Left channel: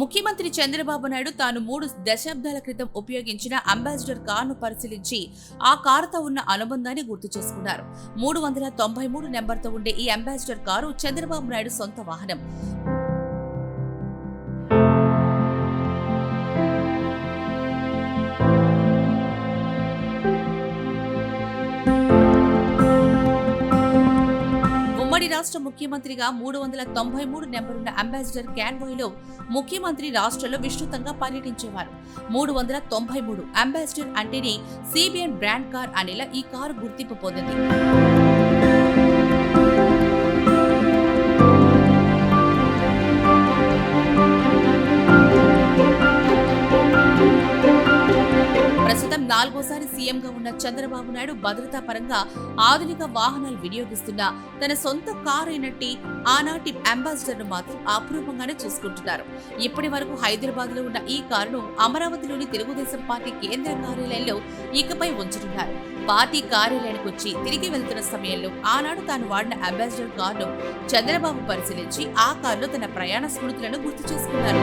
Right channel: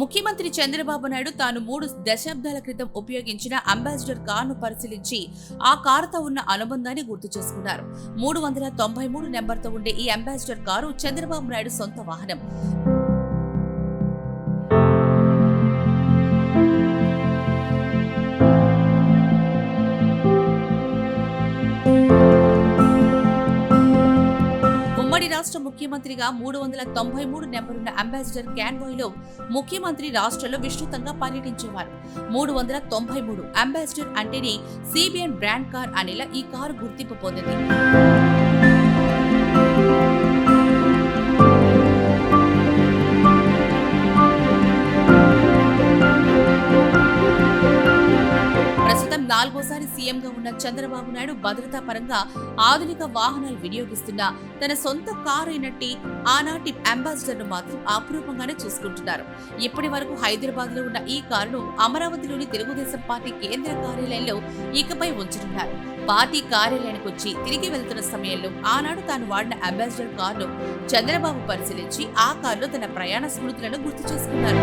ముఖ్యమంత్రి చంద్రబాబు నాయుడు తాను 3 దశాబ్దాల క్రితం ఉపయోగించిన అంబాసిడర్ కారును పరిశీలించి ఆ కారుతో ఉన్న అనుబంధాన్ని గుర్తు చేసుకున్నారు. 393 నెంబర్తో ఉండే ఈ అంబాసిడర్ కారు చంద్రబాబు నాయుడు సొంత వాహనం. ఉమ్మడి రాష్ట్ర ముఖ్యమంత్రిగా 393 నెంబరున్న అంబాసిడర్ కాన్వాయ్లో ముఖ్యమంత్రి రాష్ట్రంలో విస్తృతంగా పర్యటించేవారు. 393 అంబాసిడర్ అంటేనే సిబిఎన్ బ్రాండ్ కార్ అనేలా ఈ కారు గుర్తింపు పొందింది. ప్రస్తుతం 4వసారి సీఎంగా ఉన్న చంద్రబాబు నాయుడు భద్రతా పరంగా ఆధునిక వాహనాలు వినియోగిస్తున్న తన సొంత కారు అయినట్టి ఆనాటి అంబాసిడర్ ను మాత్రం అపురూపంగానే చూసుకుంటున్నారు. ఇప్పటి వరకు హైదరాబాద్ లో ఉన్న ఈ కారును అమరావతిలోని తెలుగుదేశం పార్టీ కేంద్ర కార్యాలయంలో ఇకపై ఉంచనున్నారు. పార్టీ కార్యాలయానికి వచ్చి తిరిగి వెళ్తున్న సమయంలో ఆనాడు తాను వాడిన అంబాసిడర్ కారును చంద్రబాబు పరిశీలించి ఆ కారులో తన ప్రయాణ స్మృతులను గుర్తు చేసుకున్నారు.